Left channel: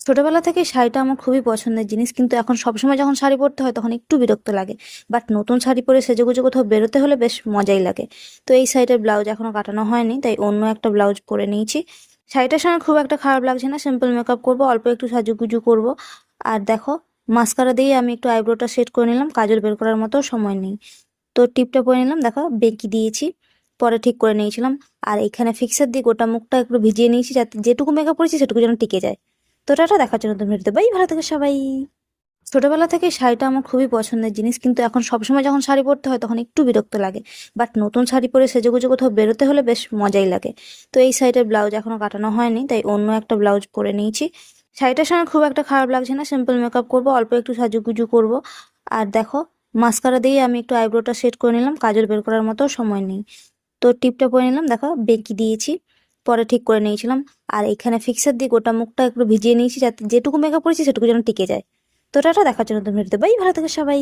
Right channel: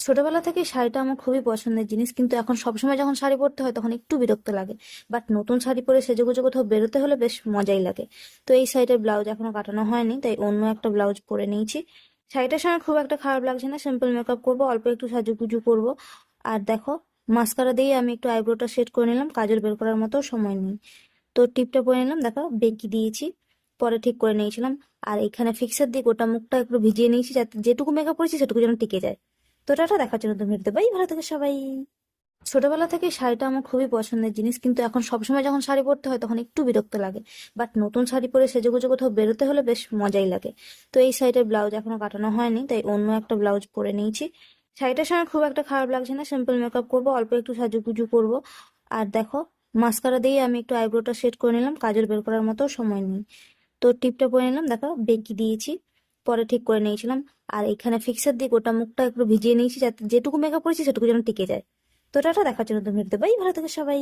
ছোটবেলা থেকে শাড়িটা আমার খুবই পছন্দের জিনিস, কিন্তু এখন সবসময় যখন শাড়ি পরতে হয় তখন একটু বিরক্ত লাগে। বাট নতুন শাড়ি পরে সেজেগুজে কোথাও বেরোতে হলে বেশ মজাই লাগে। তো এই শাড়িটার ব্লাউজ এখনো কাটানো হয়নি, তাই অন্য একটা ব্লাউজ পরে নিয়েছি। শাড়িটার সঙ্গে খুব একটা খারাপ লাগছে না, সিম্পল মেকআপ করবো, অল্প একটু সাজুগুজু করব। আর দেখো, মাস্কারা দিয়ে আমি একটু আইব্রোটা সেট করে নিলাম, কাজল বের করার মতো সময় নেই। তো টিপটা পরে নিলাম, দেখো বেঁকি দিয়েছি, পরে ঠিক করে নিয়েছিলাম। আর এখানে ফিক্সার দিয়ে গোটা মুখটা একটু ভিজিয়ে নিয়েছি, যাতে যেটুকু মেকআপ করেছি সেটুকু যেন টিকে যায়। তো টাটা, দেখার জন্য তুমি ভিডিওতে বাই, ভালো থেকে সবাই। ছোটবেলা থেকে শাড়িটা আমার খুবই পছন্দের জিনিস, কিন্তু এখন সবসময় যখন শাড়ি পরতে হয় তখন একটু বিরক্ত লাগে। বাট নতুন শাড়ি পরে সেজেগুজে কোথাও বেরোতে হলে বেশ মজাই লাগে। তো এই শাড়িটার ব্লাউজ এখনো কাটানো হয়নি, তাই অন্য একটা ব্লাউজ পরে নিয়েছি। শাড়িটার সঙ্গে খুব একটা খারাপ লাগছে না, সিম্পল মেকআপ করবো, অল্প একটু সাজুগুজু করব। আর দেখো, মাস্কারা দিয়ে আমি একটু আইব্রোটা সেট করে নিলাম, কাজল বের করার মতো সময় নেই। তো টিপটা পরে নিলাম, দেখো বেঁকি দিয়েছি, পরে ঠিক করে নিয়েছিলাম। আর এখানে ফিক্সার দিয়ে গোটা মুখটা একটু ভিজিয়ে নিয়েছি, যাতে যেটুকু মেকআপ করেছি সেটুকু যেন টিকে যায়। তো টাটা, দেখার জন্য তুমি ভিডিওতে বাই, ভালো থেকে সবাই।